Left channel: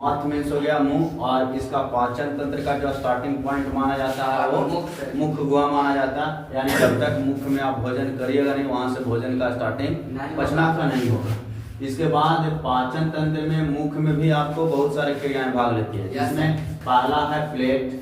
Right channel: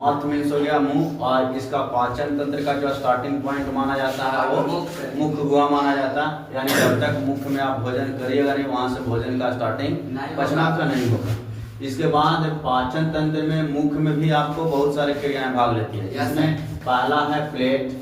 Mouth means हो गया मुंह, और इसका पाचन तंत्र का जो स्टार्टिंग पॉइंट माना जाता है वो मुख हुआ माना जाता है। यानी जब तक मुख में आप भोजन करिएगा नहीं, वहां से भोजन का स्टार्टिंग पचना का नहीं होगा। इसके बाद पाचन तंत्र में मुख में भी आपको बहुत सारी क्रियाएं भाग लेती है, जिसमें पहला है प्लेट,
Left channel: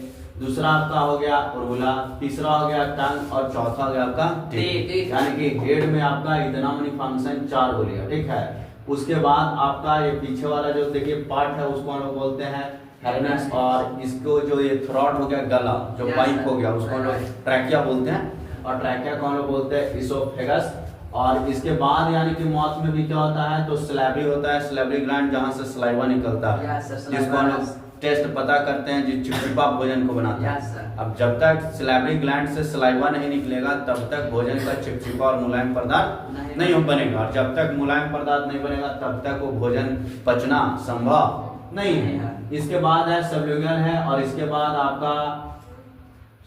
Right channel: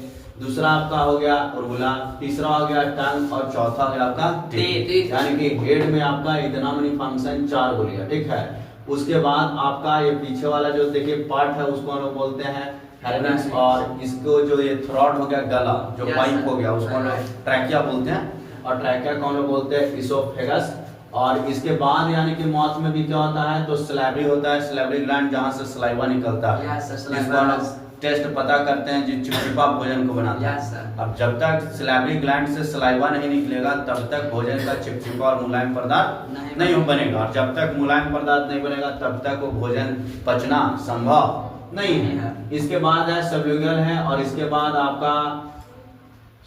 दूसरा आपका हो गया उर्वला, तीसरा हो गया टंग, और चौथा हो गया आपका टीथ। यानी कि हेड में आपका इतना मनी फंक्शन 4 हो गया, ठीक है। उसके बाद आपका ये पीछे वाला जो देखिए पार्ट है उसको हम लोग बोलते हैं हेर्निक्स, और इसको जो ये थ्रोट हो गया गला जो पाइप हो गया उसको हम लोग ट्रैकिया बोलते हैं, और ट्रैकिया को हम लोग बोलते हैं इसोफेगस। और इसके बाद यानी कि माउथ में भी क्या होता है तो स्लैबरी होता है, स्लैबरी ग्लैंड जहाँ से सलाइवा निकलता है, जिसको हम लोग टेस्ट पता करते हैं जो चिपचिपा भोजन को बनाता है। अब जब तक स्लैबरी ग्लैंड से सलाइवा नहीं निकलेगा तब तक भोजन का चिपचिपा और मुलायम पदार्थ नहीं बनेगा, और जब तक मुलायम पदार्थ नहीं बनेगा तब तक वो भोजन पचना संभव नहीं है। इसके बाद है सबल्यूगल है, और इसके बाद आपका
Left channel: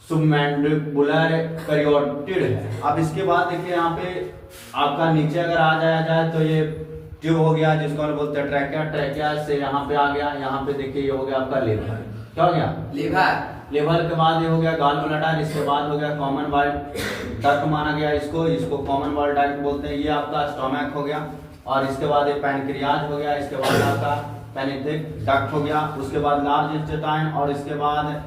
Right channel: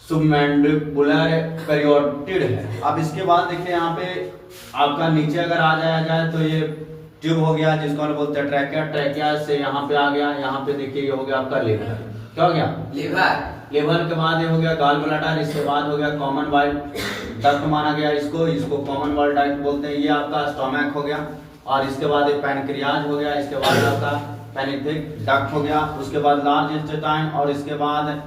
सबमैंडिबुलर कैरोटिड है। अब इसके बाद देखिए यहाँ पे आपका नीचे अगर आ जाया जाए तो ये ट्यूब हो गया जिसको हम बोलते हैं ट्रैकिया, ट्रैकिया से यहाँ पे आ गया, यहाँ पे देखिए ये हो गया आपका लीवर, क्या हो गया लीवर। लीवर के बाद ये हो गया गॉल ब्लैडर, इसके बाद हो गया कॉमन बाइल डक्ट माना गया इसको कॉमन बाइल डक्ट बोलते हैं। ये आपका स्टोमक हो गया, और इसके बाद ये पैनक्रियाज हो गया, इसके बाद आपका पेनिथिक डक्ट हो गया, उसके बाद लार्ज इंटेस्टाइन, और इसके बाद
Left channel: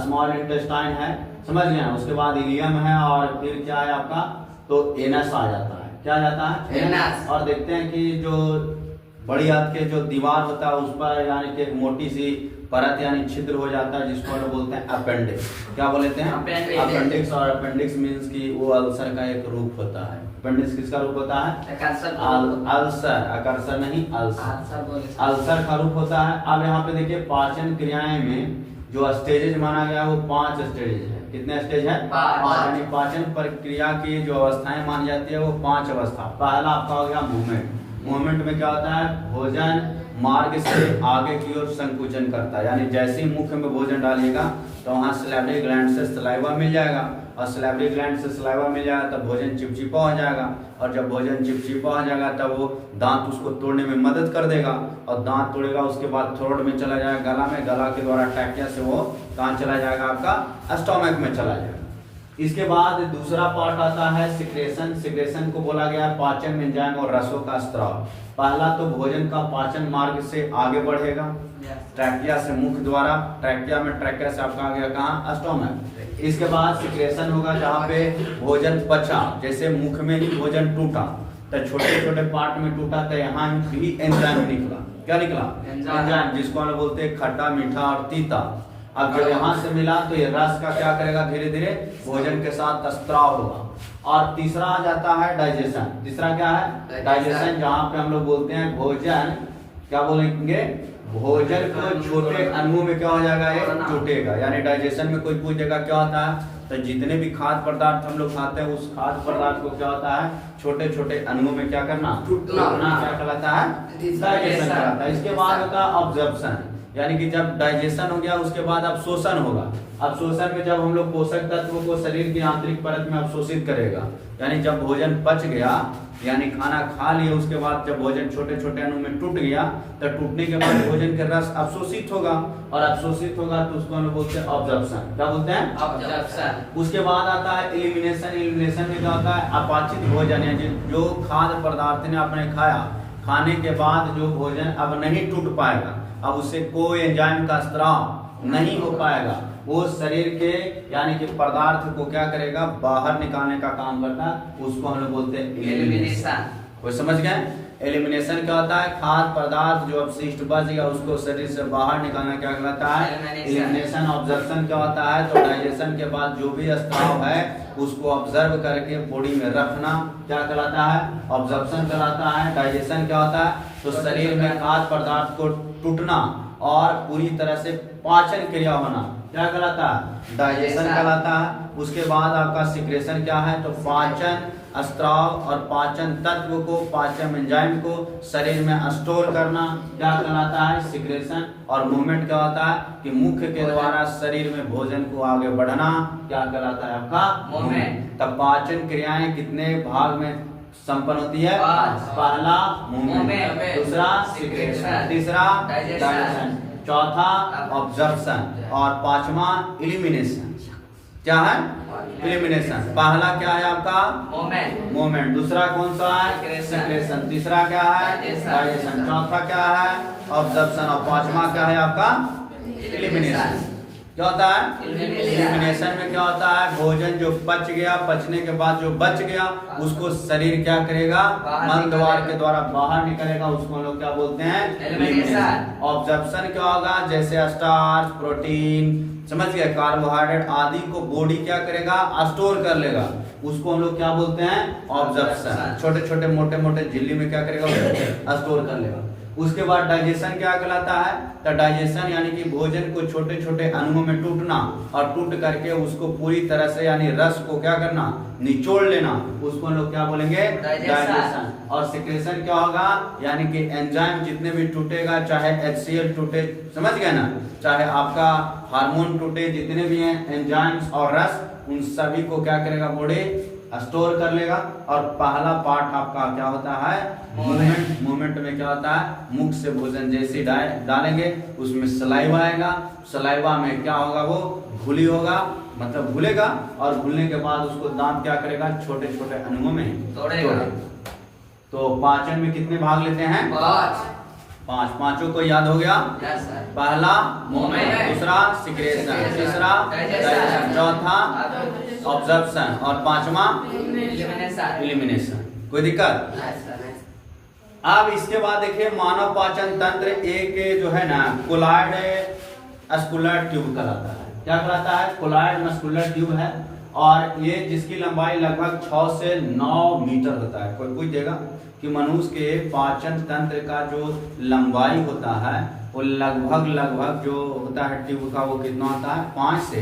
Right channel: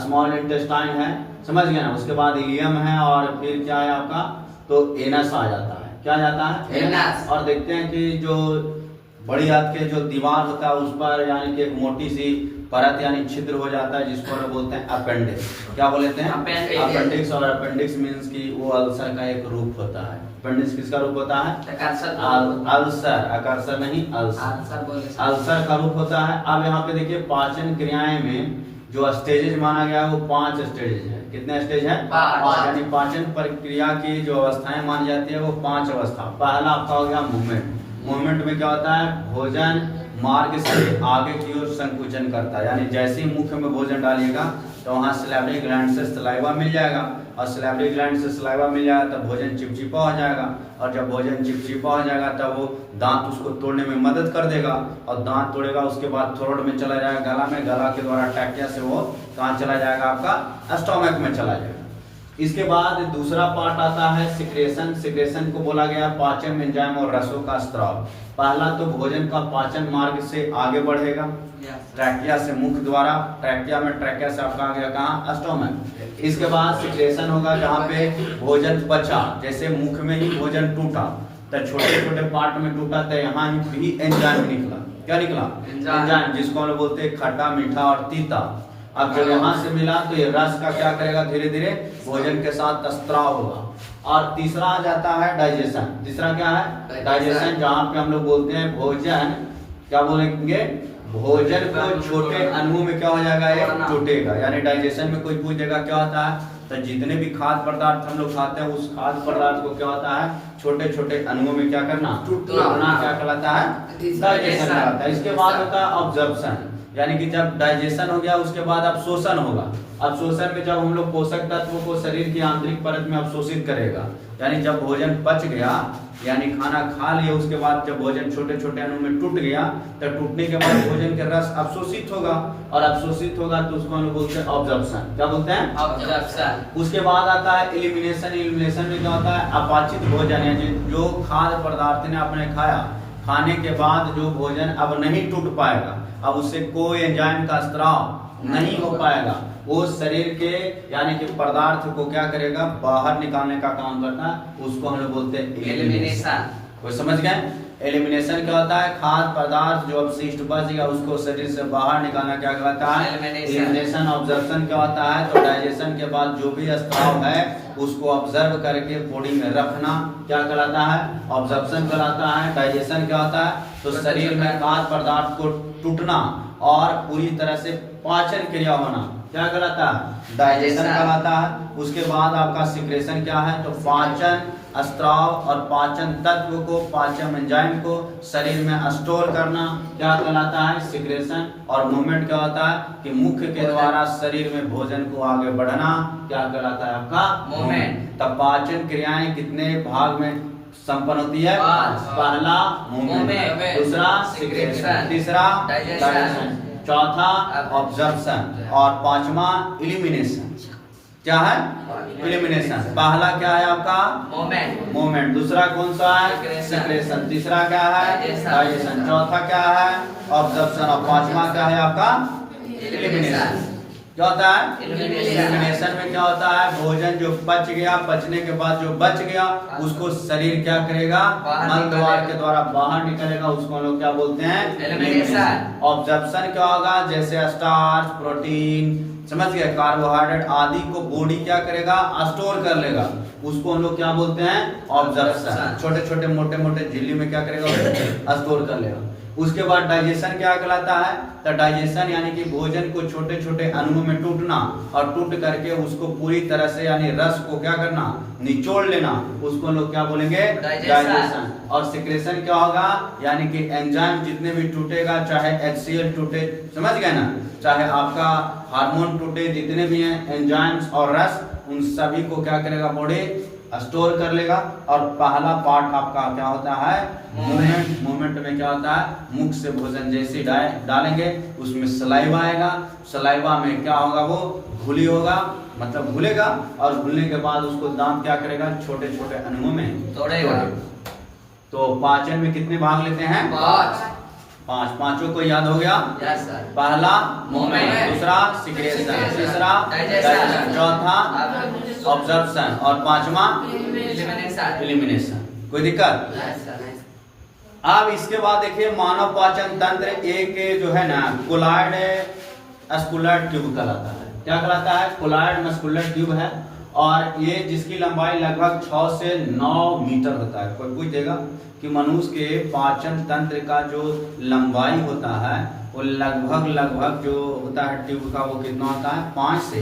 स्मॉल इंटेस्टाइन है, समझ गए ना। उसके बाद इलियम है, और फिर क्या है आपका तो एनस आ जाता है, क्या जाता है एनस। और देखते हैं कि जो बड़ी हाथ के जो दीवार होता है उस पर यानी कि एक मोटी सी परत यानी छिद्र हो जाता है, जिसको हम बोलते हैं अपेंडिक्स। क्या बोलते हैं अपेंडिक्स। और अपेंडिक्स मींस कि वो अल्सर का एक रूप होता है। अपेंडिक्स किसका रूप होता है अल्सर, अकर्षण नहीं अल्सर, अल्सर का रूप होता है। अब यहाँ पे देखिए पाचन क्रियाएं में जो स्टेजेज माना गया वो 5 स्टेजेज है। कितने स्टेज है 5, यानी पाचन प्रक्रिया की जो अवस्थाएं मानी जाती है वो 5 अवस्था। पहला आपका हो गया मूवमेंट। मूवमेंट में क्या होता है भोजन मार्ग से आगे की ओर संकुचन करता है, यानी जैसे ही मुख में भोजन डालिएगा तो वहां सलाइवरी ग्लैंड से सलाइवा मिल जाएगा, और सलाइवरी ग्लैंड से सलाइवा मिल जाएगा तब भोजन चिपचिपा हो जाएगा, और जब भोजन चिपचिपा हो जाएगा तब वो दांत उसको तोड़ने में मदद कर देगा, और दांत तोड़ेगा उसके बाद थ्रोट में चला जाएगा गला में, गला के द्वारा ट्रैकिया से वो कहाँ चला जाएगा आपका स्टोमक में चला जाएगा। इसके बाद दूसरा पार्ट आता है सिक्रेशन। सिक्रेशन को बोला गया पाचन एंजाइम और रसों का स्त्राव। पहला तो भोजन का पाचन मार्ग से आगे बढ़ेगा ट्रैकिया से मुख द्वारा, ट्रैकिया में ट्रैकिया से आपका आ गया कहाँ स्टोमक। इसके बाद सिक्रेशन होगा जहाँ पे भोजन पचा, जैसे मुख में ही भोजन टूटा तो छोटे छोटे पार्ट में टूटा तो यहाँ भी एंजाइम निकला। क्या निकला एंजाइम, जिसको हम बोलते हैं खट्टा मीठा और तीता। अब जब यहाँ से मिला तो ये रस का क्या करेगा धीरे धीरे भोजन के साथ स्त्राव होगा। और तीसरा आ जाता है डाइजेशन। तीसरा क्या है डाइजेशन, जहाँ पे हम लोग बोलते हैं भोजन क्या बोलेंगे भोजन को छोटे अणुओं में क्या हो जाएगा ये टूटेगा। यानी डाइजेशन में कोई पूछेगा क्या होता है तो जितने भी खाद्य पदार्थ हम लोग खाते हैं उस खाद्य पदार्थ को क्या होता है छोटे छोटे अणुओं में क्या करना टूटना क्या कहलाता है डाइजेशन कहलाता है। इसके बाद होता है ऑब्जर्प्शन, यानी कि जब डाइजेशन हो गया उसके बाद अवशोषण होगा। अवशोषण में जब हम लोग पोषक तत्वों को शरीर की आंतरिक परत में अवशोषित करेगा, यानी जब भोजन पच गया यानी खाना खा लिया उसके बाद जब भोजन छोटे छोटे अणु में टूट गया तो टूटने के बाद भोजन का रस अवशोषित होगा, और अवशोषित होगा तो उसको हम लोग बोलते हैं ऑब्जर्प्शन। क्या बोलते हैं ऑब्जर्प्शन। उसके बाद आता है एलिमिनेशन। एलिमिनेशन में क्या होता है अपाचित भोजन, यानी जो खाद्य पदार्थ ने आपने खाया खाने के बाद जो भोजन अब नहीं टूट पाएगा, अब उससे कोई एंजाइम का स्त्राव नहीं हो पाएगा, वो शरीर के यानी कि पदार्थ को क्या करेगा बाहर निकालने का काम करता है, उसको हम लोग बोलते हैं एलिमिनेशन। कोई समझ गए एलिमिनेशन क्या होता है खाद्य पदार्थ जो अपशिष्ट बच गया उसको शरीर से बाहर निकालना क्या कहलाता है एलिमिनेशन। ऑब्जर्प्शन क्या होता है तो डाइजेशन के बाद जो भी स्त्राव है उसको ऑब्जर्व करके बॉडी में रखना क्या कहलाता है ऑब्जर्प्शन कहलाता है। डाइजेशन क्या होता है तो शरीर में खाद्य पदार्थ को टूटना और पूरी तरह से पाचन क्रिया होना क्या कहलाता है डाइजेशन कहलाता है। उसके बाद आपका सिक्रेशन क्या है तो पाचन स्त्राव और पाचन तत्व को पाचन एंजाइम को शरीर में स्टोर करना क्या कहलाता है सिक्रेशन। और मूवमेंट क्या होता है कि मुख के द्वारा शरीर में भोजन को आगे बढ़ना क्या कहलाता है आपका मूवमेंट। तब पाचन क्रियाएं कितने भाग में संपन्न होती है? पहला मूवमेंट, दूसरा सिक्रेशन, तीसरा डाइजेशन, चौथा ऑब्जर्प्शन और पांचवा इलिमिनेशन। क्या है? इलिमिनेशन। पहला क्या है आपका? मूवमेंट। दूसरा कौन सा है? सिक्रेशन। तीसरा क्या है? डाइजेशन। चौथा क्या है? ऑब्जर्प्शन और पांचवा क्या है आपका? इलिमिनेशन। क्या होता है? इलिमिनेशन में क्या होता है? भोजन जो पच गया, पचने के बाद जो बच गया उसको शरीर क्या करेगा? मल द्वार के द्वारा बाहर निकलेगा, उसको हम लोग क्या बोलते हैं? इलिमिनेशन। ऑब्जर्प्शन क्या होगा? जैसे स्टार्च, प्रोटीन, समझ गए, कार्बोहाइड्रेट आदि को बॉडी क्या करेगा? स्टोर कर लेगा, उसको हम लोग क्या बोलते हैं? ऑब्जर्प्शन। छोटे छोटे मोटे मोटे झिल्ली में क्या करेगा? स्टोर कर लेगा। उसके बाद डाइजेशन क्या कहलाता है? तो डाइजेशन यानी कि भोजन को छोटे छोटे अणुओं में टूटना और टूट करके उसको पूरी तरह से यानी रस को क्या करना? निचोड़ लेना, उसको लोग क्या बोलेंगे? डाइजेशन। और सिक्रेशन क्या होगा? यानी कि एंजाइम जितने भी टूटेगा, चाहे HCl टूटे, समझ गए ना, चाहे आपका हार्मोन टूटे, जितने भी हैं एंजाइम्स और रस, उन सभी को क्या करेगा? बॉडी स्टोर कर लेगा। और पहला पार्ट आपका क्या होता है? मूवमेंट। मूवमेंट में क्या होता है? मुख से भोजन जैसे डालेंगे उसमें सलाइवा आएगा, सलाइवा में क्या होगा? वो घुली होगा, मतलब घुलेगा, और घुलने के बाद उसको दांत क्या करेगा? छोटे छोटे अणुओं में तोड़ेगा। तो पाचन में कितने भाग लेते हैं? पांच। पांचों को याद हो गया? पहला मूवमेंट, दूसरा सिक्रेशन, तीसरा डाइजेशन, चौथा ऑब्जर्प्शन और पांचवा इलिमिनेशन। कोई दिक्कत? अब इसके बाद देखिए मानव पाचन तंत्र एक जो है ना कोलॉइड मस्कुलर ट्यूब कहलाता है। क्या कहलाता है? कोलॉइड मस्कुलर ट्यूब है, और ये जिसकी लंबाई लगभग 6 से 9 मीटर होता है। कोई पूछेगा कि मनुष्य के पाचन तंत्र का जो लंबाई होता है वो लगभग जो होता है ट्यूब का, वो कितना होता है? 5 से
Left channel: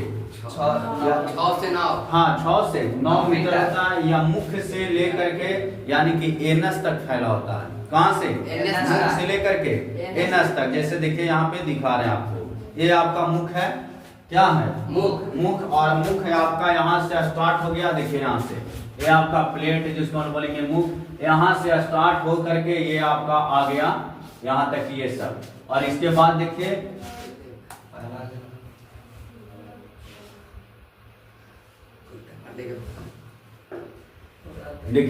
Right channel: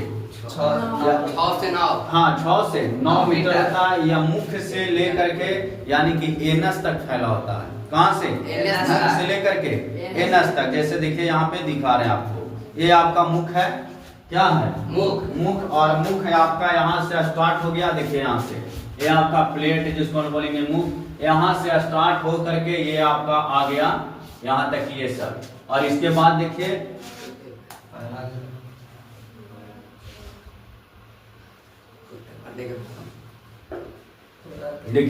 9। हाँ, 6 से 9 मीटर होता है। या मुख से लेकर के यानी कि एनस तक फैला होता है। कहाँ से? मुख से लेकर के एनस तक। जैसे देखिए यहाँ पे दिखा रहे हैं आपको, ये आपका मुख है। क्या है? मुख। और मुख है आपका यहाँ से स्टार्ट हो गया, देखिए यहाँ से ये आपका प्लेट जिसको हम बोलेंगे मुख, यहाँ से स्टार्ट हो करके ये आपका आ गया यहाँ तक, ये सब। और इसके बाद देखिए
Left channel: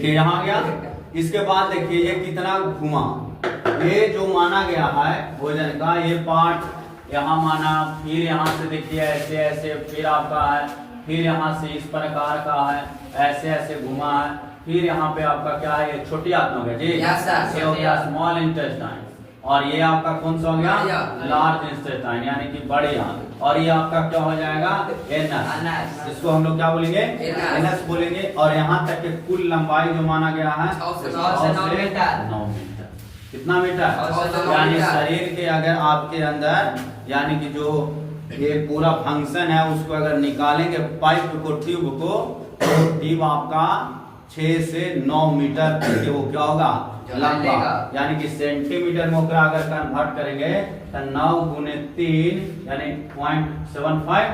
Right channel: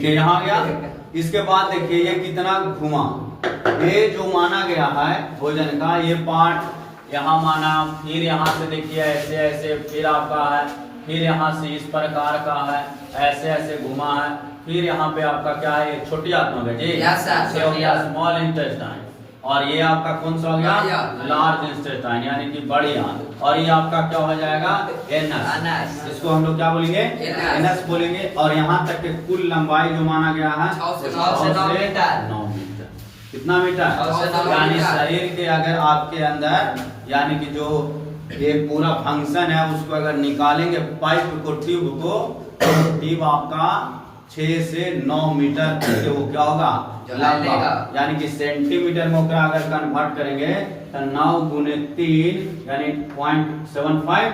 यहाँ आ गया। इसके बाद देखिए ये कितना घुमा, ये जो माना गया है भोजन का ये पार्ट यहाँ माना, फिर यहाँ से देखिए ऐसे ऐसे, फिर आपका है, फिर यहाँ से इस प्रकार का है, ऐसे ऐसे घुमा है, फिर यहाँ पे आपका क्या है? छोटी आत्मा है जी, ये हो गया स्मॉल इंटेस्टाइन। और ये आपका कौन सा हो गया? लार्ज इंटेस्टाइन यानी कि बड़ी आंत। और ये आपका क्या हो जाएगा? एनस। इसको हम लोग क्या बोलेंगे? एनस बोलेंगे। और यहाँ तक के कुल लंबाई जो माना गया है 6 से 9 मीटर। कितना मीटर? यानी शरीर के अगर आपके अंदर यानी कि जो ये पूरा फंक्शन है उसको अगर निकालेंगे पाइप को, ट्यूब को, तो ट्यूब आपका 6 से 9 मीटर तक वो क्या होगा? लंबा। यानी कि सेंटीमीटर में अगर कन्वर्ट करेंगे तो 9 गुने 3 यानी 0.75,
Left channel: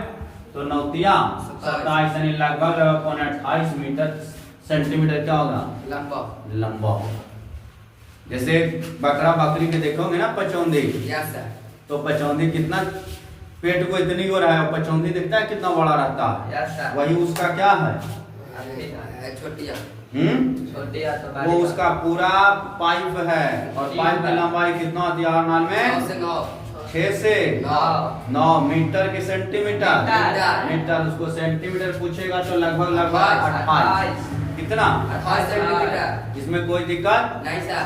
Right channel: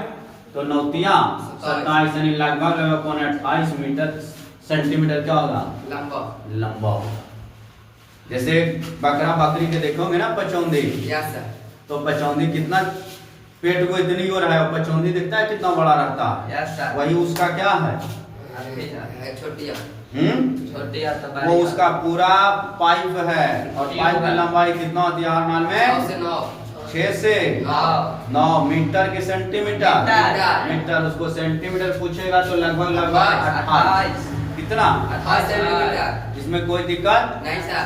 तो 9 तिया 27 यानी लगभग 28 मीटर सेंटीमीटर क्या होगा? लंबा होगा। जैसे बकरा बकरी के देखोगे ना पचौंदी, तो पचौंदी कितना पेट को इतनी हो रहा है, पचौंदी दिखता है कितना बड़ा रहता है, वही उसका क्या है? वो उसका पूरा पाइप है। और पाइप की लंबाई कितना होती है हर नाल में? 6 से 9 मीटर के सेंटीमीटर। उसको सेंटीमीटर पूछेगा तो लगभग 28। कितना? 28 सेंटीमीटर। इसमें कोई दिक्कत नहीं सर।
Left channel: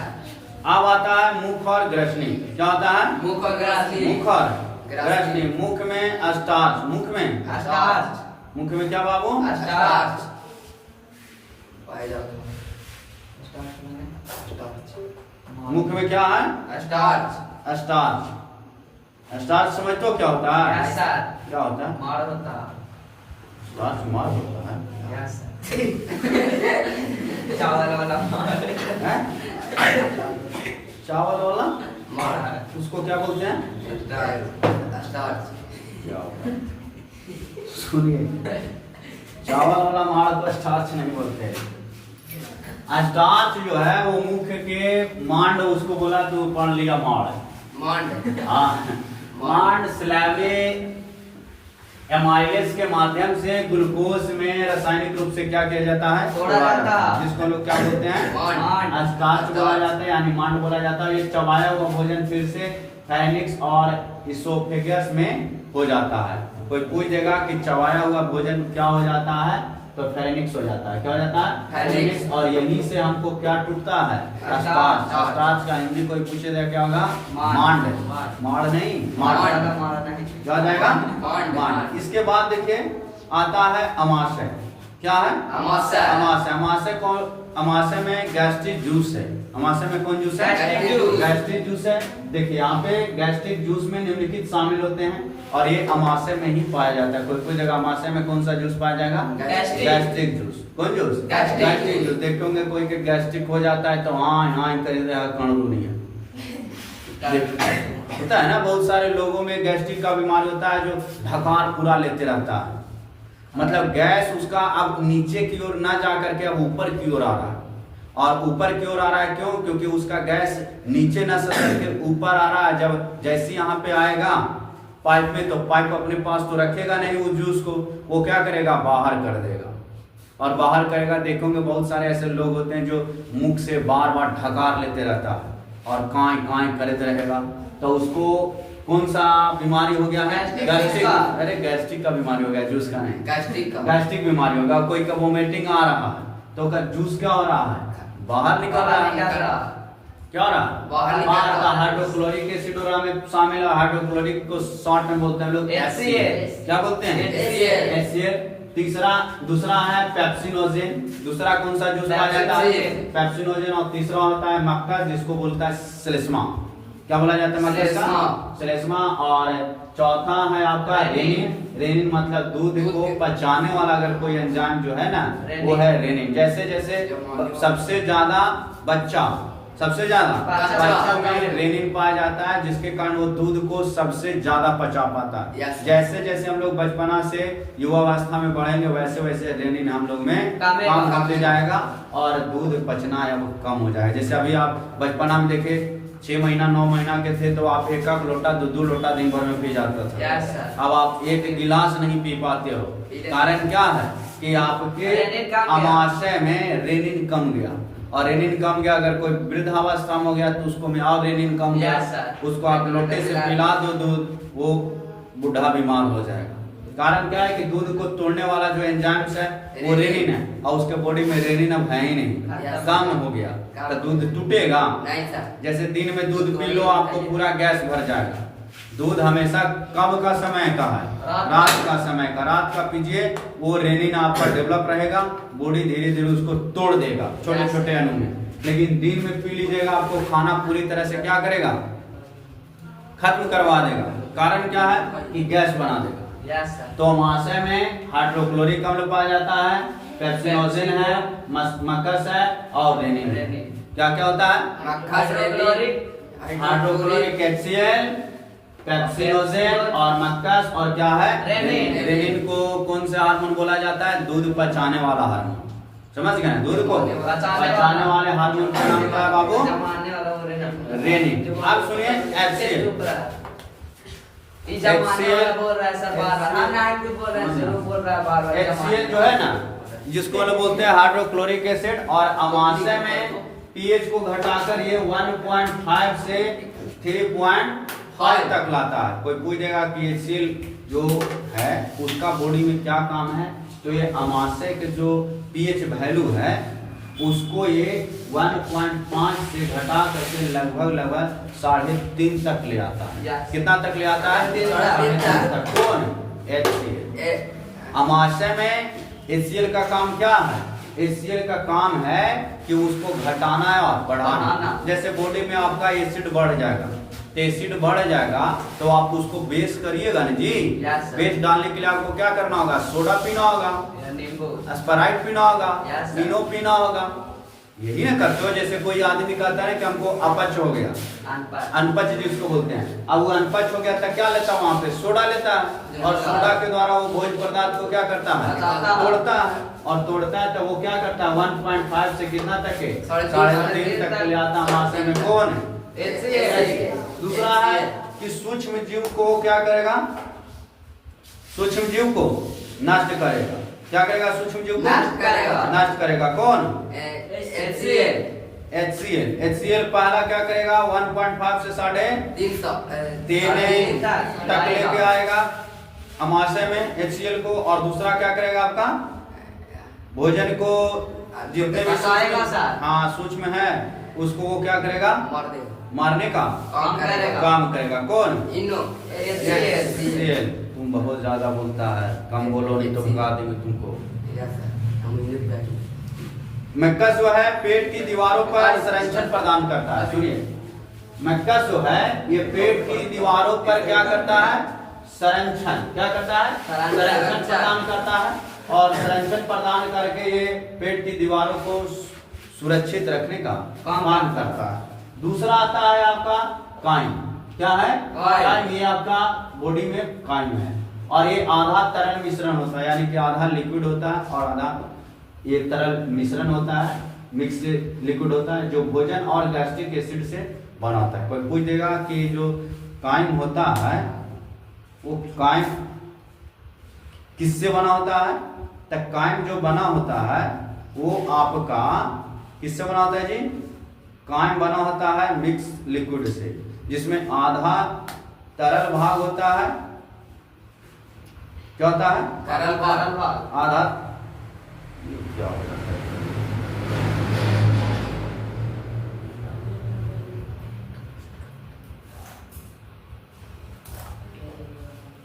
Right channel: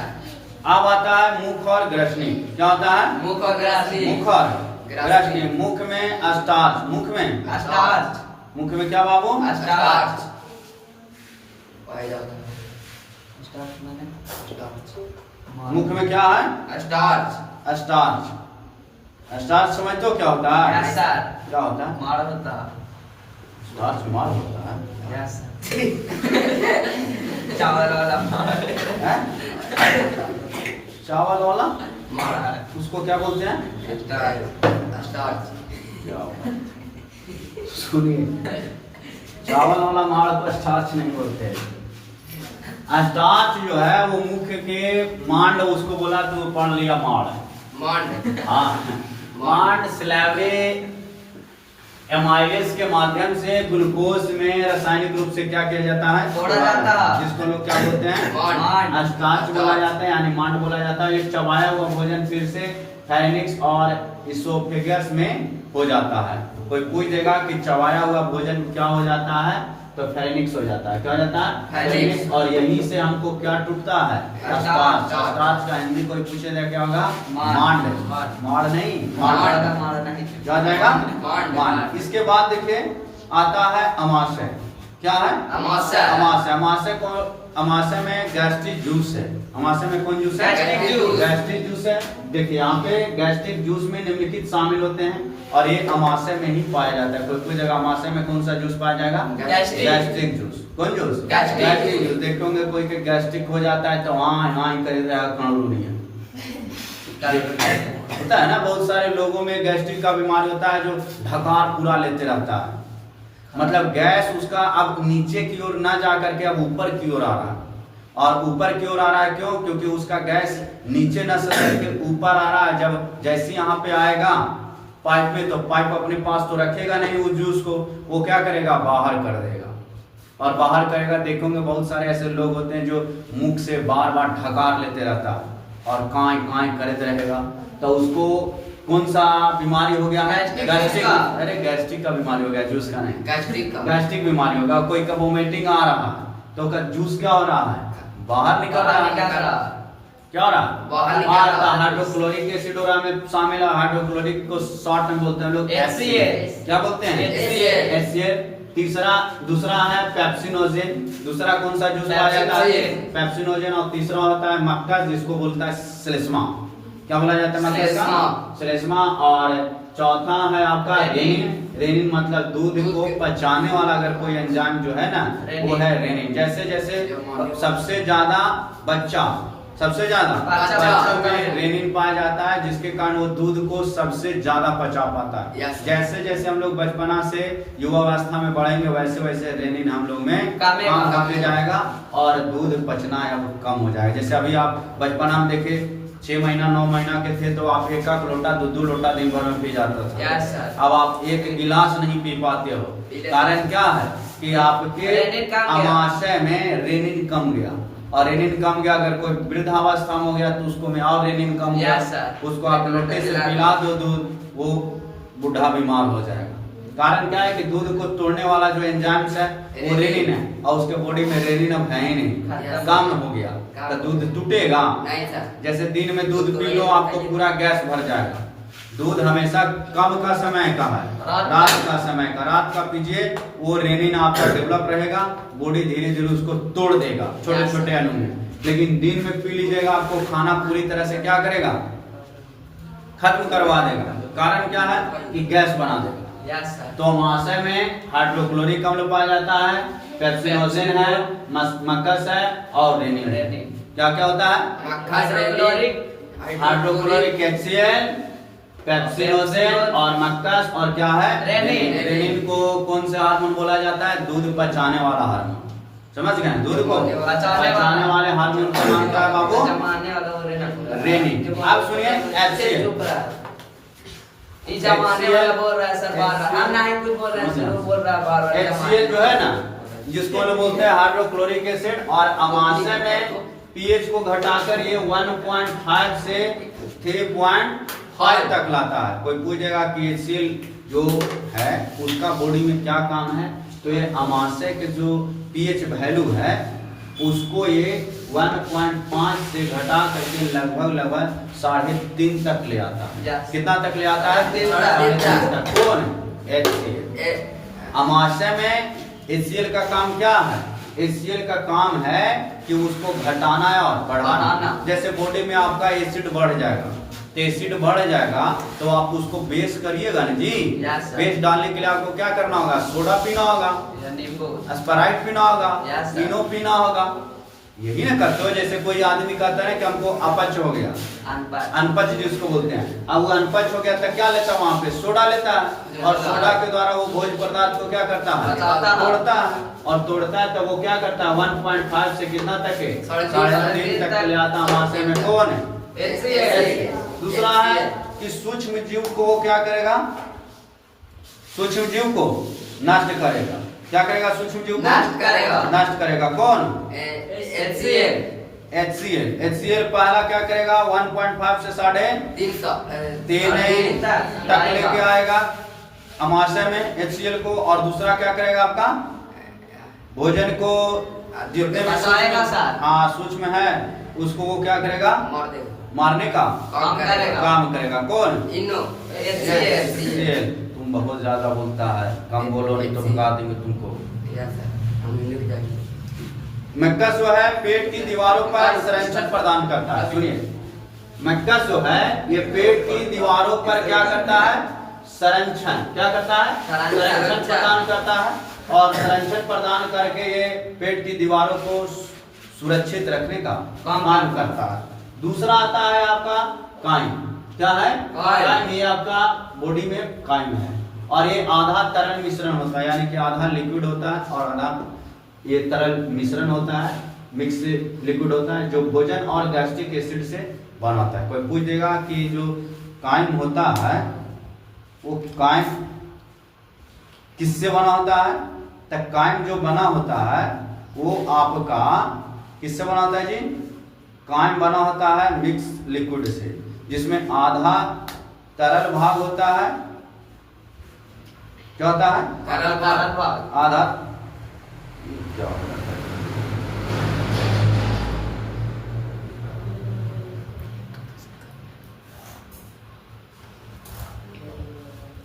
अब आता है मुख और ग्रसनी। क्या होता है? मुख और ग्रसनी। मुख में स्टार्च। मुख में क्या बाबू? स्टार्च। मुख में क्या है? स्टार्च। स्टार्च समझते हो क्या होता है? क्या होता है? माड़ होता है। चावल वाला माड़, उसको क्या बोलते हैं? स्टार्च। सुनिए, चावल वाला माड़ को स्टार्च नहीं बोलते। स्टार्च जो है वो मुख्य के मांड, उसको बोला तो पढ़ लिया मांड। हाँ, मांड स्लैवे एमाइलेज के माध्यम से ग्लूकोज में रासायनिक रूप से क्या किया जाता है, तोड़ा जाता है, जिसको लोग क्या बोलते हैं, स्टार्च बोला जाता है, यानी मांड बोला जाता है। ये चबाया हुआ भोजन फिर से फायरिंग्स और इसोफेगस में हो जाता है। कोई पूछ देगा कि चबाया हुआ भोजन क्या हो जाता है, तो फेरेनिक्स हो जाता है। क्या हो जाता है, फेरेनिक्स। और यहीं से हमको क्या टूटता है, स्टार्च। स्टार्च का हिंदी कोई पूछेगा क्या होगा, मांड। मांड नहीं, क्या हो जाएगा, मांड। इसके बाद देखिए आता है अमाशय। क्या है, अमाशय। अमाशय, अमाशय को, अमाशय में गैस्ट्रिक जूस है। अमाशय में कौन जूस है, गैस्ट्रिक जूस है। देखिए यहाँ पे गैस्ट्रिक जूस में निम्नलिखित शामिल होते हैं और ये अमाशय में ही पाया जाता है। कोई जगह अमाशय में कौन सा जूस पाया जाएगा, गैस्ट्रिक जूस। कौन जूस, गैस्ट्रिक जूस। देखोगे कोई के गैस्ट्रिक हो जाता है तो हाँ कर रहा है, कानून नहीं है। होता है ना, बहुत सारे लोगों में गैस्ट्रिक का बीमारी होता है जो ढकार पूरा लेते रहता है, मतलब गैस उसका अब नीचे की ओर ना जा करके अब ऊपर की ओर आ रहा है। और ऊपर की ओर आ रहा है क्यों, क्योंकि उसका गैस नीचे न सके ऊपर आ रहा है। जब जैसे यहाँ पे आएगा पाइप में, तो पाइप अपने पास तो रखेगा नहीं उस जूस को, वो क्या करेगा, बाहर कर देगा। और बाहर करेगा, देखोगे बहुत सारे ऐसे लोग होते हैं जो मुख से बार बार ढकार लेते रहता है और कांय करते रहेगा, तो उसको कौन सा बीमारी हो गया है, गैस्ट्रिक। अरे गैस्ट्रिक का बीमारी हो गया, जूस का नहीं, गैस्ट्रिक बीमारी होगा। कोई का वोमिटिंग आ रहा है तो का जूस क्या हो रहा है, बाहर निकल रहा है। क्या हो रहा है, बाहर का हाइड्रोक्लोरिक एसिड हो रहा है, में शामिल है। हाइड्रोक्लोरिक को शॉर्ट में बोलते हैं लोग HCl। क्या बोलते हैं, HCl। दूसरा है पेप्सिनोजेन। दूसरा कौन सा जूस पाया जाता है, पेप्सिनोजेन। और तीसरा होता है मक्खस, जिसको बोलता है श्लेष्मा। क्या बोला जाता है, मक्खस, श्लेष्मा। और चौथा है आपका रेनिन। रेनिन मतलब दूध को पचाने वाला अगर कोई एंजाइम जो है ना, वो है रेनिन। जैसे जैसे सबसे ज्यादा बच्चों में रेनिन पाया जाता है, जिसके कारण वो दूध को सबसे ज्यादा पचा पाता है। जैसे जैसे हम लोग बचपना से युवावस्था में बढ़ेंगे, वैसे वैसे रेनिन हम लोग में कम होते जाएगा और दूध पचना अब कम हो जाएगा। जैसे अभी आप बचपना में देखे 6 महीना 9 महीना के थे तो आप एक लोटा 2 लोटा दिन भर में पी जाता था। अब आप 1 गिलास नहीं पी पाते हो। कारण क्या है कि आपके अमाशय में रेनिन कम गया। और रेनिन कम गया, अगर कोई वृद्धावस्था में हो गया तो उसको में और रेनिन कम गया, उसको आप लोटे से पिला दो दूध, वो बूढ़ा बीमार हो जाएगा। कारण क्या है कि दूध को तोड़ने वाला जो एंजाइम्स है वो रेनिन है, और उसके बॉडी में रेनिन अब है ही नहीं, कम हो गया तो दूध टूटेगा नहीं सर। जैसे दिन में दूध पी लो आपको पूरा गैस भर जाएगा। दूध हमेशा कब का समय का है, रात का समय का। रात का पीजिए, वो रेनिन आपका डेवलप रहेगा, बॉडी धीरे धीरे उसको तोड़ देगा छोटे छोटे अणु में। लेकिन दिन में पी लीजिएगा, आपको खाना पूरी तरह से क्या करेगा, खत्म करवा देगा। कारण क्या है कि गैस बना देगा। तो अमाशय में हाइड्रोक्लोरिक अम्ल पाया जाता है, पेप्सिनोजेन है, मक्खस है और रेनिन। क्या क्या होता है, हाइड्रोक्लोरिक HCl, पेप्सिनोजेन और मक्खस, और क्या है, रेनिन। रेनिन को कौन से हार्मोन बोला जाता है, दूध पचाने वाला हार्मोन। समझ गए, दूध को पचाने वाले हार्मोन का नाम क्या है बाबू, रेनिन। आप सुनिए HCl जो है ना, जिसको लोग बोलते हैं हाइड्रोक्लोरिक एसिड। और अमाशय में पीएच को घटाकर ये 1.5 से 3.5 तक लाता है। कोई पूछेगा कि HCl जो है उसका बॉडी में क्या काम है, तो ये अमाशय के जो पीएच वैल्यू है उसको ये 1.5 से घटा करके लगभग 3.5 तक ले आता है। कितना तक ले आता है, 3.5 तक। कौन, HCl। अमाशय में HCl का काम क्या है, HCl का काम है कि उसको घटाना है और बढ़ाना। जैसे बॉडी में आपका एसिड बढ़ जाएगा, तो एसिड बढ़ जाएगा तो आप उसको बेस करिएगा ना जी। बेस डालने के लिए आपको क्या करना होगा, सोडा पीना होगा, स्प्राइट पीना होगा, वीनो पीना होगा। यही ना करते हो। जैसे कोई आदमी कहता है कि हमको अपच हो गया, अनपच जिसको बोलते हैं, अब वो अनपच हो गया तो क्या लेता है वहां पे सोडा लेता है, और सोडा के द्वारा वो भोज्य पदार्थ को क्या करता है, तोड़ता है, और तोड़ता है तो वो क्या करता है 1.5 से कितना तक है 3.5 तक ले आता है महाशय में। कौन है? दूसरा है कि सूक्ष्म जीव को वो क्या करेगा, सूक्ष्म जीव को नष्ट करेगा। क्या करेगा? सूक्ष्म जीव को नष्ट करेगा। कौन? HCl पहला क्या करेगा 1.5 से 3.5 तक लेके आएगा अमाशय में HCl को, और दूसरा क्या करेगा आपका भोजन को जितने भी सूक्ष्म है उसको वो क्या करेगा, मारने का काम करेगा। कौन? HCl। तुम बहुत ज्यादा बोलता है, कम बोलो नहीं तो भगा देंगे तुमको। मैकस जो है पेट की दीवारों पर संरक्षण प्रदान करता है। सुनिए, मैकस जो है ये पेट की दीवारों पर क्या करता है, संरक्षण क्या करता है, संरक्षण प्रदान करता है, और संरक्षण प्रदान करके ये पेट की दीवारों को सुरक्षित रखने का काम करता है। दूसरा आता है आपका काइम। क्या है? काइम। ये आपका बॉडी में काइम है, और ये आधा तरल मिश्रण होता है, यानी कि आधा लिक्विड होता है और आधा ये तरल मिश्रण होता है, मिक्स लिक्विड होता है, जो भोजन और गैस्ट्रिक एसिड से बना होता है। कोई पूछ देगा कि जो काइम होता है वो काइम किससे बना होता है, तो काइम जो बना होता है वो आपका किससे बना होता है जी, काइम बना होता है मिक्स लिक्विड से, जिसमें आधा तरल भाग होता है। क्या होता है? तरल भाग। आधा क्या होता है,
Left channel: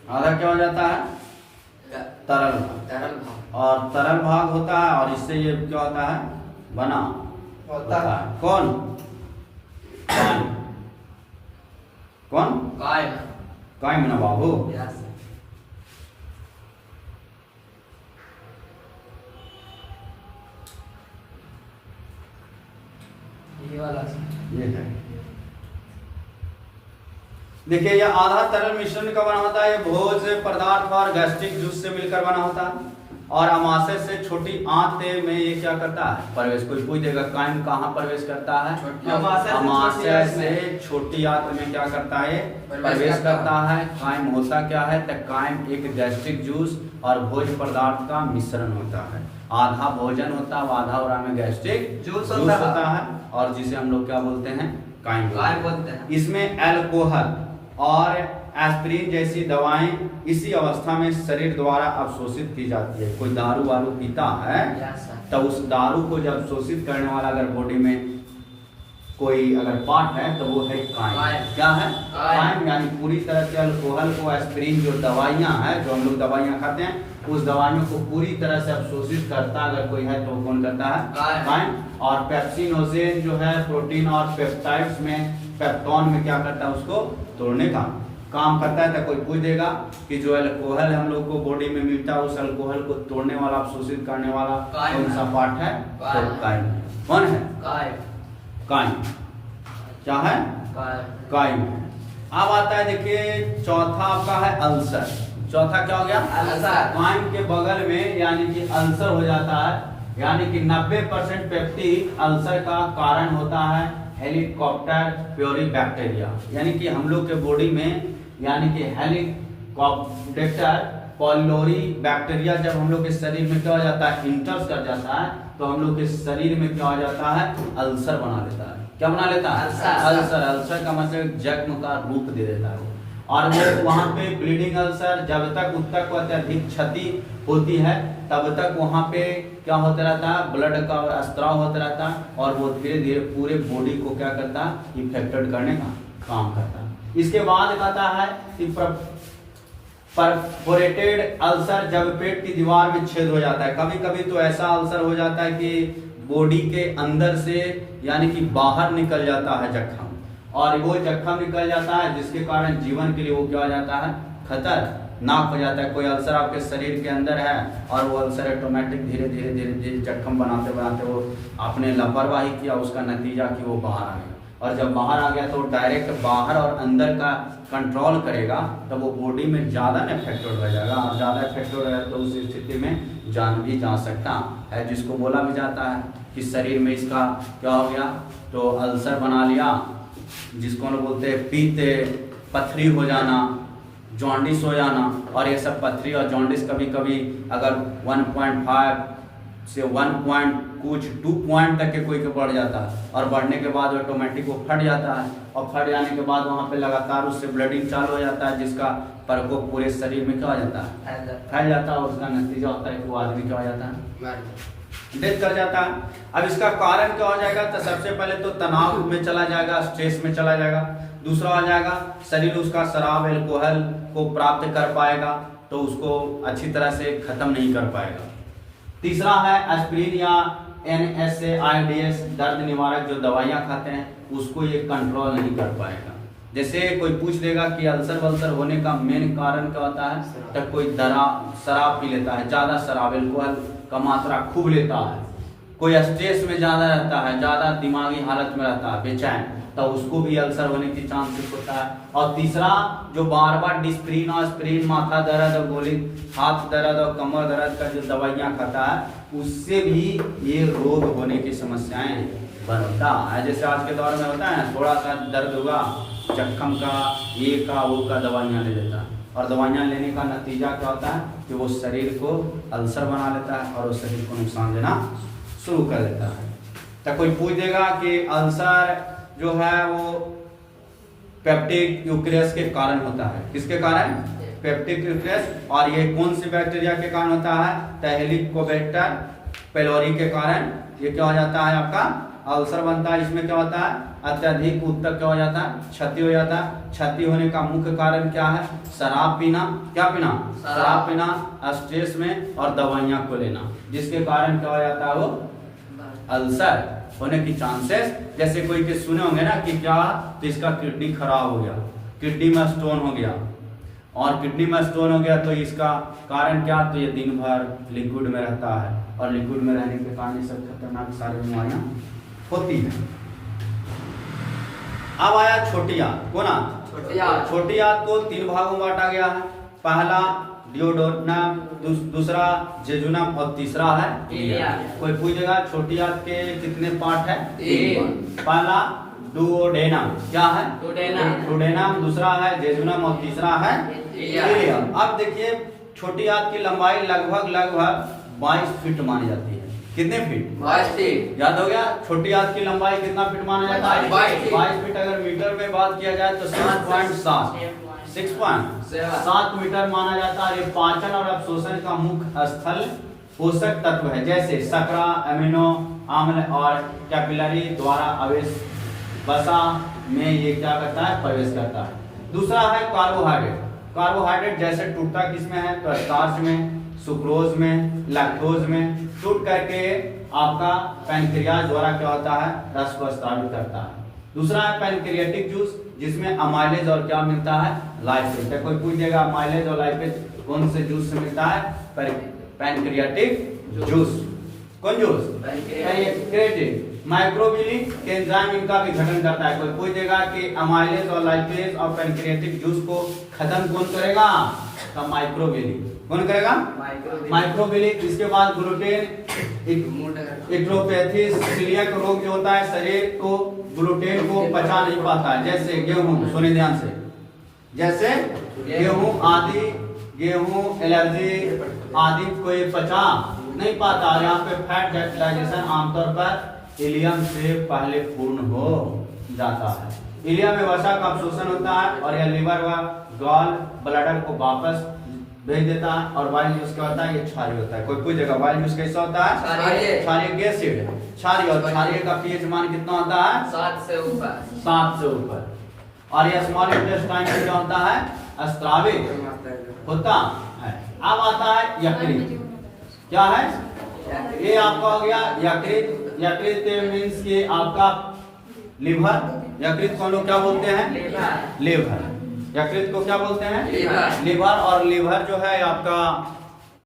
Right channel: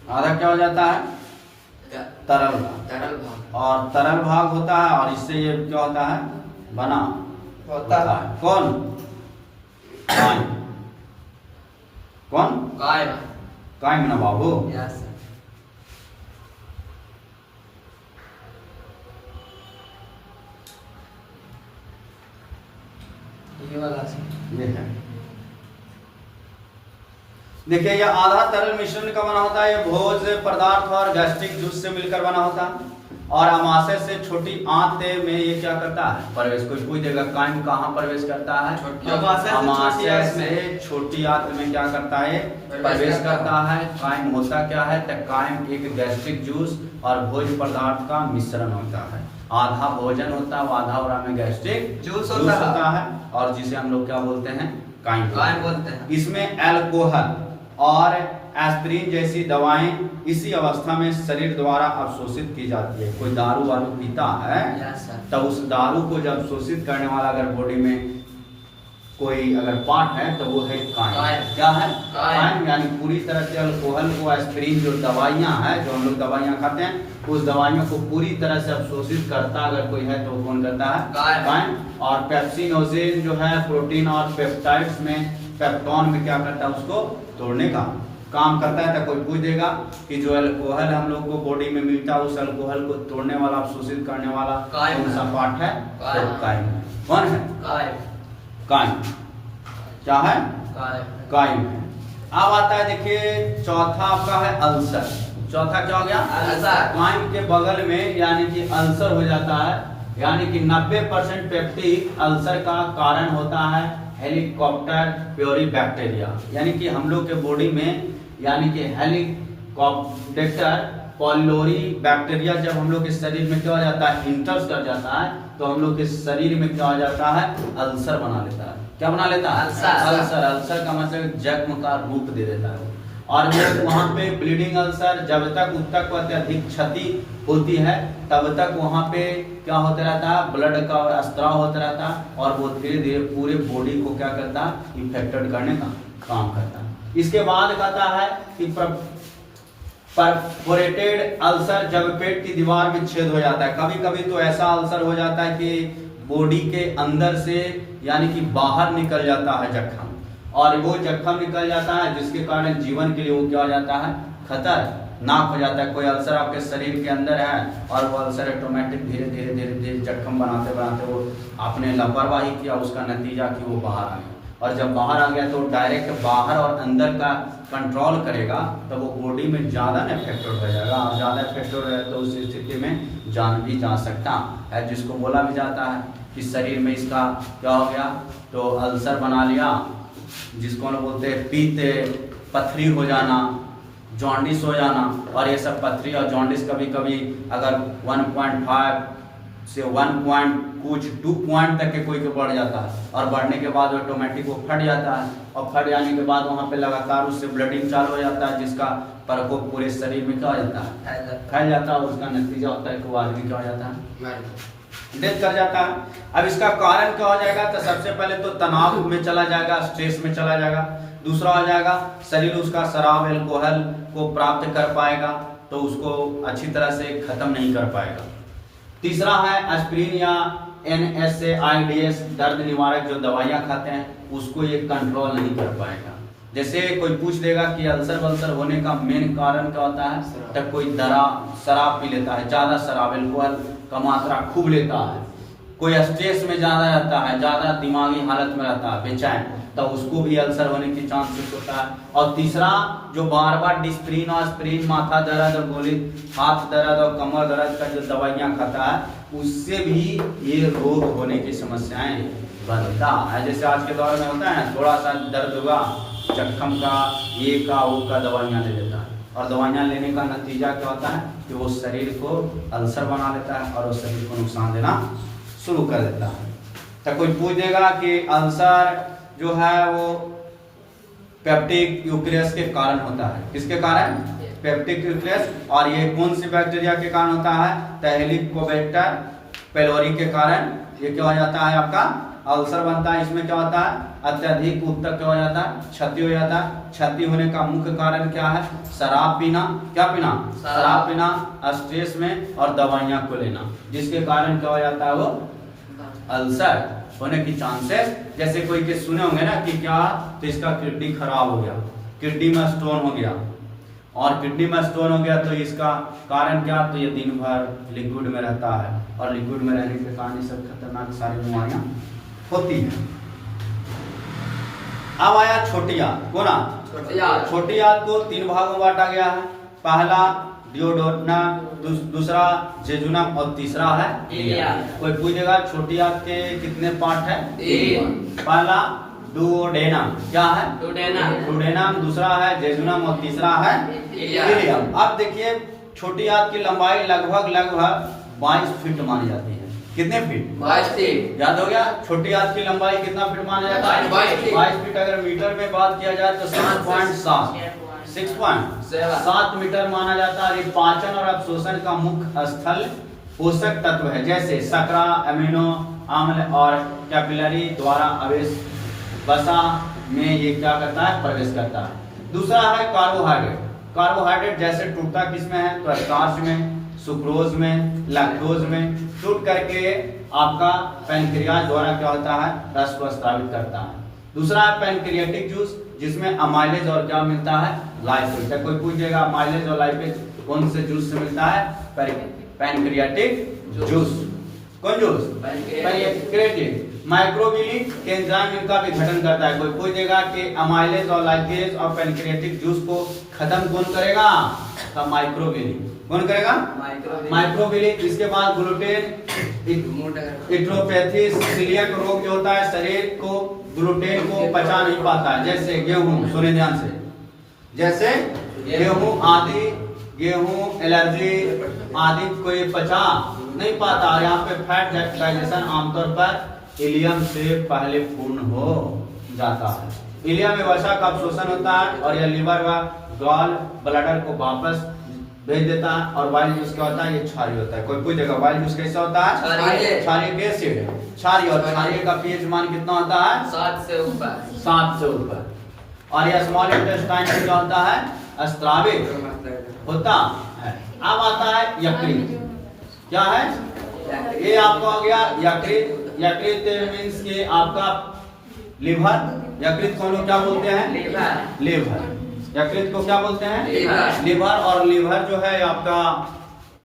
आधा क्या हो जाता है, तरल भाग, और तरल भाग होता है, और इससे ये क्या होता है, बना होता है। कौन? काइम। कौन? काइम ना बाबू। ये है, देखिए ये आधा तरल मिश्रण का बना होता है। ये भोज्य पदार्थ और गैस्ट्रिक जूस से मिलकर बना होता है, और अमाशय से छोटी आंत में ये क्या करता है, प्रवेश। कोई पूछ देगा काइम कहाँ प्रवेश करता है, अमाशय से छोटी आंत में क्या करता है, प्रवेश करता है। काइम होता क्या है, तो काइम एक गैस्ट्रिक जूस और भोज्य पदार्थ का मिश्रण होता है। आधा भोजन होता है, आधा और में गैस्ट्रिक जूस होता है, और जिसे हम लोग क्या बोलते हैं, काइम बोलते हैं। इसमें अल्कोहल और एस्पिरिन जैसी दवाएं इसी अवस्था में शरीर द्वारा अवशोषित की जाती है। कोई दारू वारू पीता है तो उस दारू को जब अवशोषित करने वाला अगर बॉडी में कोई अगर पार्ट है तो वो है काइम। क्या है? काइम। यानी पूरी तरह से अल्कोहल को, एस्पिरिन जो दवाइयां हैं, जो हम लोग दवाइयां खाते हैं, उस दवाइयों को पूरी तरह से अवशोषित करता अगर कोई है तो कौन करता है, काइम। और पेप्सिनोजेन जो है प्रोटीन और पेप्टाइड्स में, पेप्टोन में क्या करता है, उसको तोड़ने का काम करता है। तो कोई पूछ देगा कि जो अल्कोहल हम लोग को बॉडी में मिलता है, उस अल्कोहल को तोड़ने वाला, अवशोषित करने वाला कौन सा पार्ट है, तो काइम। कौन है? काइम। क्या है? काइम। अब आता है देखिए चौथा आपका है अल्सर। चौथा क्या हो गया? अल्सर। काइम के बगल में यानी कि अल्सर हो जाता है, यानी कि 90% पेप्टिक अल्सर का कारण होता है हेलिकॉप्टर प्योरी बैक्टीरिया। यानी कि हम लोग के बॉडी में यानी कि हेलिकॉप्टर पॉलिलोरी बैक्टीरिया जब हम लोग के शरीर में क्या हो जाता है, इंटर्स कर जाता है, तो हम लोग के शरीर में क्या हो जाता है, अल्सर बना लेता है। क्या बना लेता है? अल्सर। अल्सर का मतलब जख्म का रूप दे देता है वो, और वो वहाँ पे ब्लीडिंग अल्सर जब तक अत्यधिक क्षति होती है तब तक वहाँ पे क्या होता रहता है, ब्लड का स्त्राव होता रहता है, और वो धीरे धीरे पूरे बॉडी को क्या करता है, इन्फेक्टेड करने का काम करता है। इसके बाद कहता है कि परफोरेटेड अल्सर, जब पेट की दीवार में छेद हो जाता है। कभी कभी तो ऐसा अल्सर हो जाता है कि बॉडी के अंदर से यानी कि बाहर निकल जाता है जख्म, और वो जख्म निकल जाता है जिसके कारण जीवन के लिए वो क्या हो जाता है, खतरनाक हो जाता है। कोई अल्सर आपके शरीर के अंदर है और वो अल्सर ऑटोमेटिक धीरे धीरे धीरे धीरे जख्म बनाते बनाते वो आपने लापरवाही किया, उसका नतीजा कि वो बाहर आ गया। और जब बाहर आ गया तो डायरेक्ट बाहर और अंदर का कंट्रोल करेगा, तो वो बॉडी में ज़्यादा इफेक्टेड हो जाएगा। और ज़्यादा इफेक्टेड हो तो उस स्थिति में जान भी जा सकता है, जिसको बोला भी जाता है कि शरीर में इसका क्या हो गया, तो अल्सर बना लिया, जिसको हम बोलते हैं पीते, पथरी हो जाना, जॉन्डिस हो जाना। और ये सब पथरी और जॉन्डिस कभी कभी अगर 1.5 से 2 पॉइंट तक के कोई के बढ़ जाता है, और बढ़ने के बाद ऑटोमेटिक वो फट जाता है, और फट जाने के बाद वहाँ पे लगातार उससे ब्लडिंग चालू हो जाता है, जिसका प्रकोप पूरे शरीर में क्या हो जाता है, फैल जाता है। उसका नतीजा होता है कि वो आदमी क्या हो जाता है, डेथ कर जाता है। अब इसका कारण क्या हो जाएगा, तो सबसे पहले तो तनाव में चला जाएगा, स्ट्रेस में चला जाएगा। दूसरा हो जाएगा शरीर उसका शराब एल्कोहल को प्राप्त कर पाएगा, तो उसको अच्छी तरह से खत्म नहीं कर पाएगा। तीसरा है एस्पिरिन या NSAIDs दर्द निवारक जो दवाइयाँ खाते हैं, उसको ये कंट्रोल नहीं कर पाएगा। जैसे कोई पूछ देगा कि अल्सर वल्सर होने का मेन कारण क्या होता है, तो कोई शराब पी लेता है, ज़्यादा शराब एल्कोहल का मात्रा खूब लेता है, कोई स्ट्रेस में ज़्यादा रहता है, ज़्यादा दिमागी हालत में रहता है, बेचैन, तो उसको भी अल्सर होने की चांसेस होता है। और तीसरा जो बार बार डिस्प्रिन और एस्पिरिन, माथा दर्द और गोली, हाथ दर्द और कमर दर्द का जो दवाइयाँ खाता है, उससे भी ये रोग होने की समस्याएं बनता है। जैसे आज के दौर में होता है, थोड़ा सा दर्द हुआ, जख्म का, ये का, वो का दवाइयाँ ले लेता है, और दवाइयाँ लेने का नतीजा क्या होता है कि वो शरीर को अल्सर बना लेता है और वो शरीर को नुकसान देना शुरू कर देता है। तो कोई पूछ देगा कि अल्सर जो है वो पेप्टिक यूक्रेस के कारण होता है, किसके कारण, पेप्टिक यूक्रेस, और ये कौन सी बैक्टीरिया के कारण होता है, तो हेलिकोबैक्टर पेलोरी के कारण ये क्या हो जाता है, आपका अल्सर बनता है। इसमें क्या होता है, अत्यधिक उत्तक क्या हो जाता है, क्षति हो जाता है। क्षति होने का मुख्य कारण क्या है, शराब पीना, क्या पीना, शराब पीना, स्ट्रेस में और दवाइयाँ को लेना, जिसके कारण क्या हो जाता है, वो अल्सर होने की चांसेस। जैसे कोई के सुने होंगे ना कि क्या, तो इसका किडनी खराब हो गया, किडनी में स्टोन हो गया, और किडनी में स्टोन हो गया तो इसका कारण क्या, तो ये दिन भर लिक्विड में रहता है, और लिक्विड में रहने के कारण ये सब खतरनाक सारी बीमारियां होती हैं। अब आया छोटी आंत, कौन आंत, छोटी आंत को 3 भागों में बांटा गया है। पहला डियोडोनम, दूसरा जेजुनम और तीसरा है इलियम। कोई पूछेगा छोटी आंत के कितने पार्ट है, 3। पहला डुओडेनम, क्या है, डुओडेनम, दूसरा है जेजुनम और तीसरा है इलियम। अब देखिए छोटी आंत की लंबाई लगभग 22 फीट मानी जाती है। कितने फीट, 22 फीट। याद हो गया, छोटी आंत की लंबाई कितना फीट माना जाता है, 22 फीट। अगर मीटर में बात किया जाए तो 6.7 मीटर माना जाता है। ये पाचन और अवशोषण का मुख्य स्थल पोषक तत्व है, जैसे शकरा, अमीनो अम्ल और कैपिलरी द्वारा आवेश वसा में ये क्या करता है, प्रवेश करता है। दूसरा है कार्बोहाइड्रेट। कार्बोहाइड्रेट जैसे टूटता किसमें है, तो स्टार्च में, सुक्रोज में, लैक्टोज में टूट करके आपका पैनक्रियाज द्वारा क्या होता है, रस को स्रावित करता है। दूसरा है पैनक्रियाटिक जूस, जिसमें अमाइलेज और क्या मिलता है, लाइपेज। तो कोई पूछ देगा अमाइलेज और लाइपेज कौन से जूस से मिलता है, पैनक्रियाटिक जूस। कौन जूस, पैनक्रियाटिक। माइक्रोबियली के एंजाइम इनका भी गठन करता है। कोई पूछ देगा कि अमाइलेज और लाइपेज और पैनक्रियाटिक जूस को खत्म कौन करेगा, तो माइक्रोबियली। कौन करेगा, माइक्रोबियली। इसके बाद ग्लूटेन, इट्रोपैथी, सीलियक रोग जो होता है, शरीर को ग्लूटेन को पचा नहीं पाता है, जैसे गेहूं, सुनिए ध्यान से, जैसे गेहूं आदि, गेहूं एलर्जी आदि को ये पचा नहीं पाता। और यहाँ पे फैट डाइजेशन आमतौर पर इलियम से पहले पूर्ण हो जाता है। इलियम में वसा का अवशोषण होता है और यह लीवर व गॉल ब्लैडर को वापस भेज देता है। और वाइल जूस क्या होता है, ये क्षारीय होता है। कोई पूछेगा वाइल जूस कैसा होता है, क्षारीय एसिड, क्षारीय। और क्षारीय का पीएच मान कितना होता है, 7 से ऊपर। और यह स्मॉल इंटेस्टाइन में क्या होता है, स्रावित होता है। अब आता है यकृत, क्या है, ये आपका हो गया यकृत। यकृत मीन्स के आपका लिवर, यकृत को लोग क्या बोलते हैं, लिवर। यकृत को क्या बोलते हैं? लीवर। लीवर। और लीवर जो है आपका